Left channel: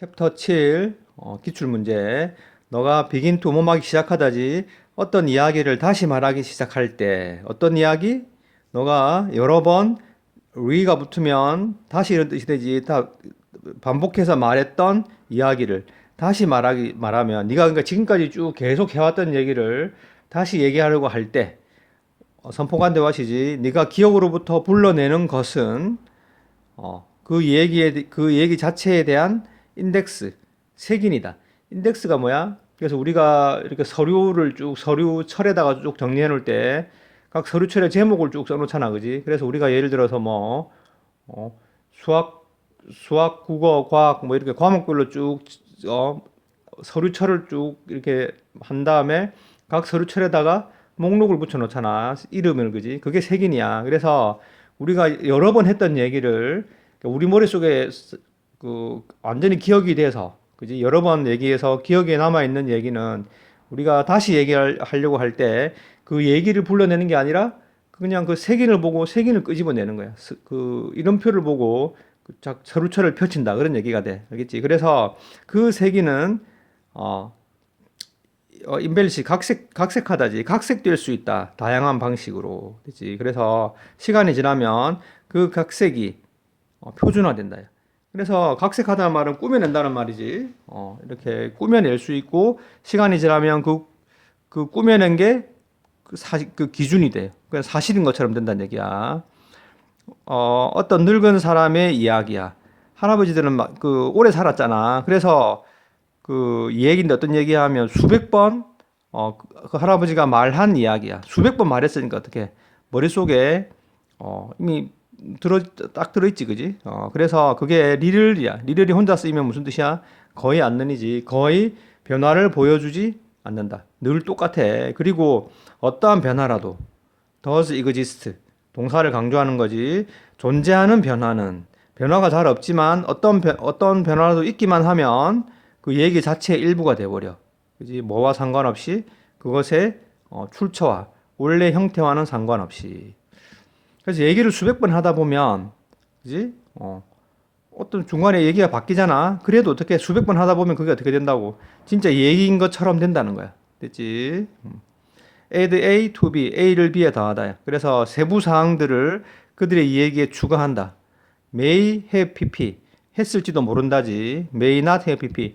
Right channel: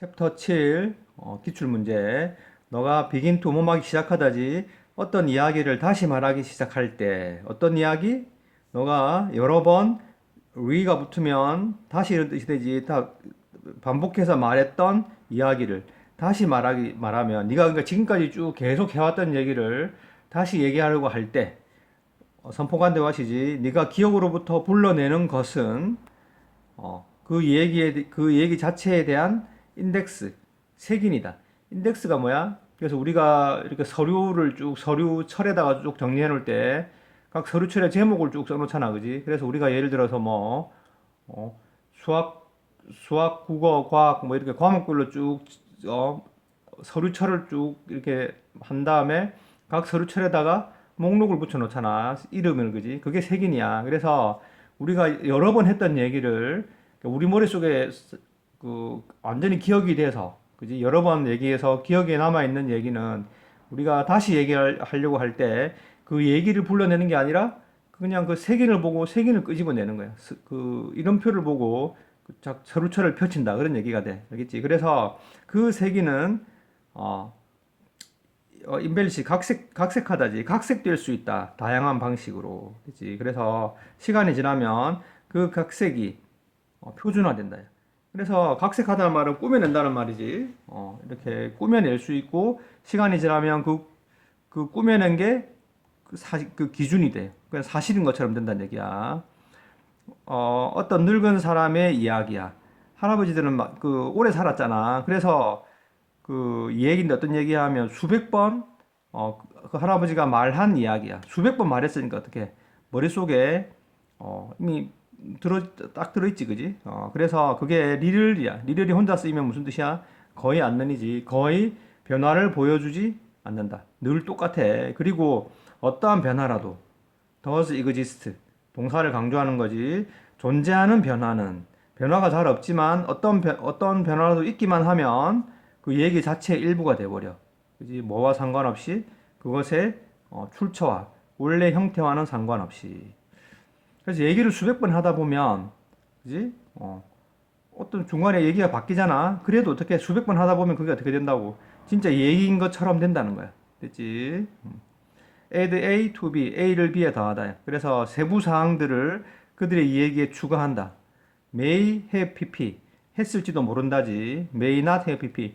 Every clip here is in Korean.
챕터 7 기출문제. 너가 begin to 뭐하기 시작하다지 어떤 이야기를 다시 말하기 시작할 때 어떤 이야기? 너가 여러 번 re가 붙으면 다시 이런 뜻이 되지. 다 반복해서 말했던 이야기를 다시 말하면 네가 그러니까 지금까지 쭉 계속 해왔던 얘기를 다시 얘기하려고 할 때 선포관대화시지. 네가 기억으로부터 불러내는 것은 그 얘기 자체에 대한 인덱스, 색인이다. 인덱스가 뭐야? 그래서 우리가 이렇게 서류철에다가 쭉 정리해 놓을 때, 각 서류철의 제목을 쭉 써놓잖아, 그지? 그래서 우리가 예를 들어서 수학, 국어, 과학, 뭐 이렇게 과목별로 쭉, 어, 서류철을 쭉 이렇게 한 다음에 각 서류철에다가 목록을 붙여 놓잖아. 이름을, 그지? 그게 색인이야. 그래서 우리가 여러 번 했던 얘기를 우리 머릿속에 완전히 기억이 돼서, 그지? 여러 번 얘기해서 기억에 남아있는 얘기는 우리가 다시 얘기하려고 할 때 그 얘기를 불러내는 게 아니라 그냥 그 색인을 보고 색인을 끄집어내는 거야. 그 이름표를 보고 서류철을 펼친다. 그런 얘기가 돼. 알겠지? 그래서 그 색인은 어, 인벨리시 각색하다지. 각색될 수 있다. 다양한 방식으로. 그렇지? 그래서 시간이 지나면 그 각색이 표준화된다. 그래서 각색하다는 말은 꾸며낸다는 말이지. 이렇게 꾸며낼 수 있고 시간이 지나면 그 꾸며낸 게 그 기준이 돼. 그 사실인 것처럼 된다는 얘기야. 어떤 늙은 사람의 이야기야. 할아버지들은 오래 살았잖아. 그래서 이 얘기인데 어떤 얘기하면 수백 번, 그 할아버지가 말한 이야기야. 수백 번 말했으니까 어떻게 머릿속에, 이미 딱 들어있지, 그지? 그래서 그게 리를이야. 리를이 혼자 쓰이면 무슨 뜻이야? 거의 않는이지. 거의 변화를 보여주지 않는다. 늘 똑같아. 그리고 어떠한 변화라도 does exist. 동사를 강조하는 거지. 존재하는 변화는 변화가 잘 없지만 어떤 변화라도 있기만 하면 그 얘기 자체의 일부가 돼버려. 그지? 뭐와 상관없이 그것의 출처와 원래 형태와는 상관없이. 그래서 얘기를 수백 번 하다 보면, 그지? 어떤 중간에 얘기가 바뀌잖아. 그래도 어떻게 수백 번 하다 보면 그게 어떻게 된다고? 진짜 얘기인 것처럼 된다는 거야. 됐지? add A to B, A를 B에 더하다. 그래서 세부 사항들을 그들의 이야기에 추가한다. may have pp 했을지도 모른다지. may not have pp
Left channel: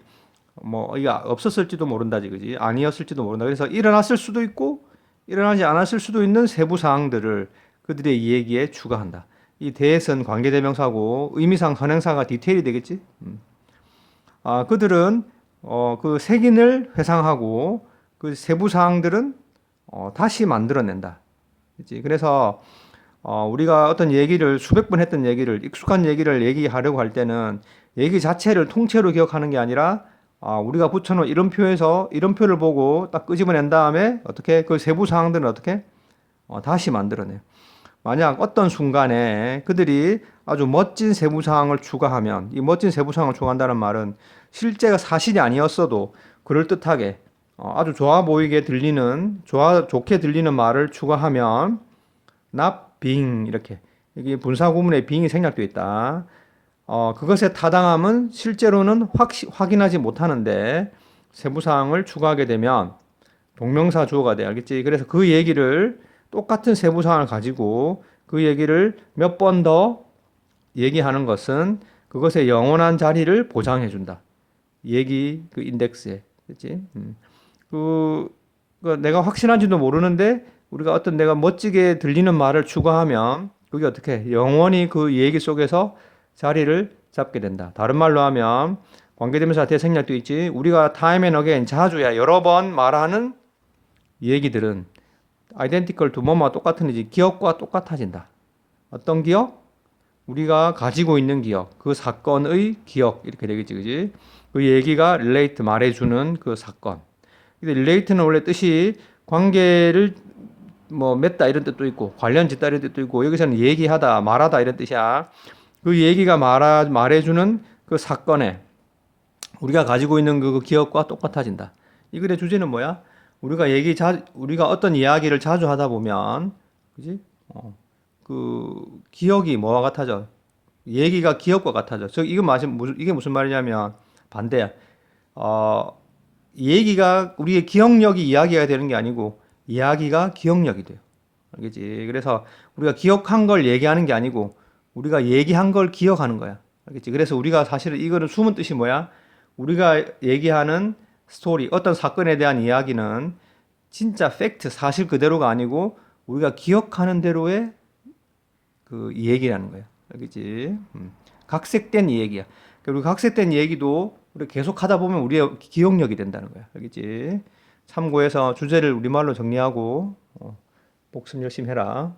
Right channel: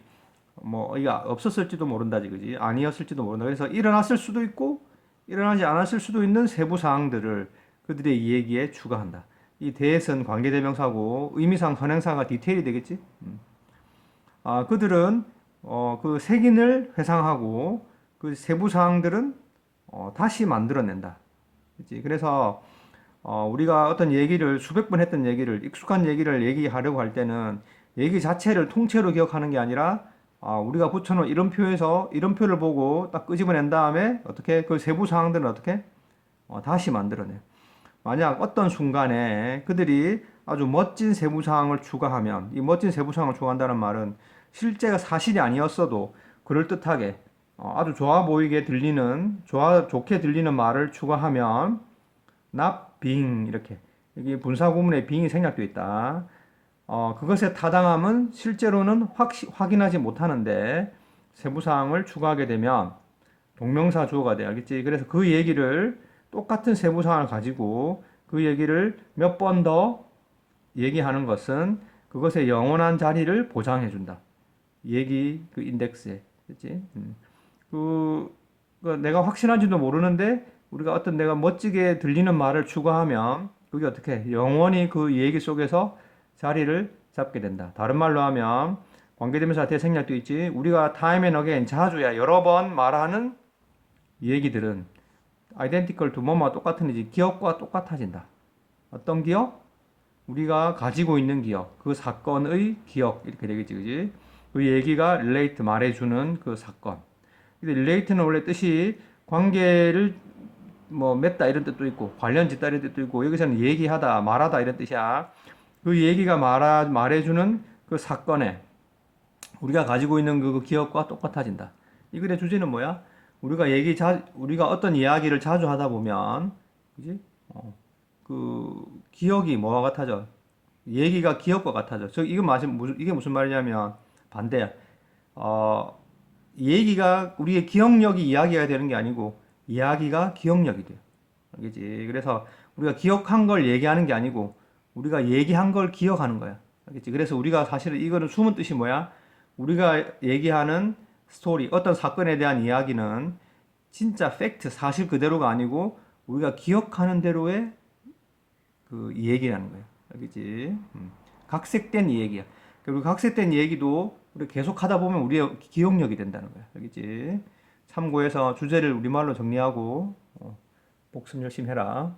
뭐 이거 없었을지도 모른다지, 그지? 아니었을지도 모른다. 그래서 일어났을 수도 있고 일어나지 않았을 수도 있는 세부 사항들을 그들의 이야기에 추가한다. 이 대에선 관계대명사고 의미상 선행사가 디테일이 되겠지. 그들은 그 색인을 회상하고 그 세부 사항들은 다시 만들어낸다. 그치? 그래서 우리가 어떤 얘기를 수백 번 했던 얘기를 익숙한 얘기를 얘기하려고 할 때는 얘기 자체를 통째로 기억하는 게 아니라 우리가 붙여놓은 이름표에서 이름표를 보고 딱 끄집어낸 다음에 어떻게 그 세부 사항들은 어떻게 다시 만들어내. 만약 어떤 순간에 그들이 아주 멋진 세부 사항을 추가하면 이 멋진 세부 사항을 추가한다는 말은 실제가 사실이 아니었어도 그럴듯하게 아주 좋게 들리는 말을 추가하면 not being 이렇게 여기 분사 구문에 being이 생략되어 있다. 그것의 타당함은 실제로는 확인하지 못하는데 세부 사항을 추가하게 되면 동명사 주어가 돼. 알겠지? 그래서 그 얘기를 똑같은 세부 사항을 가지고 그 얘기를 몇 번 더 얘기하는 것은 그것의 영원한 자리를 보장해 준다. 얘기 그 인덱스에. 그렇지? 그, 내가 확실한지도 모르는데 우리가 어떤 내가 멋지게 들리는 말을 추가하면 그게 어떻게 영원히 그 얘기 속에서 자리를 잡게 된다. 다른 말로 하면 관계대명사 대생략도 있지. 우리가 time and again 자주야 여러 번 말하는 얘기들은 identical to 뭐뭐와 똑같은 이지 기억과 똑같아진다. 어떤 기억? 우리가 가지고 있는 기억, 그 사건의 기억 이렇게 되겠지, 그지? 그 얘기가 relate 말해주는 그 사건. 근데 relate는 원래 뜻이 관계를 뭐 맺다 이런 뜻도 있고 관련 짓다 이런 뜻도 있고 여기서는 얘기하다 말하다 이런 뜻이야. 그 얘기가 말해주는 그 사건에 우리가 가지고 있는 그 기억과 똑같아진다. 이 글의 주제는 뭐야? 우리가 어떤 이야기를 자주 하다 보면 그지? 그 기억이 뭐와 같아져? 얘기가 기억과 같아져. 이게 무슨 말이냐면 반대야. 이 얘기가 우리의 기억력이 이야기가 되는 게 아니고 이야기가 기억력이 돼요. 알겠지? 그래서 우리가 기억한 걸 얘기하는 게 아니고 우리가 얘기한 걸 기억하는 거야. 알겠지? 그래서 우리가 사실은 이거는 숨은 뜻이 뭐야? 우리가 얘기하는 스토리, 어떤 사건에 대한 이야기는 진짜 팩트, 사실 그대로가 아니고 우리가 기억하는 대로의 그 얘기라는 거야. 알겠지? 각색된 이야기야. 그리고 각색된 얘기도 우리 계속 하다 보면 우리의 기억력이 된다는 거야. 알겠지? 참고해서 주제를 우리말로 정리하고 복습 열심히 해라.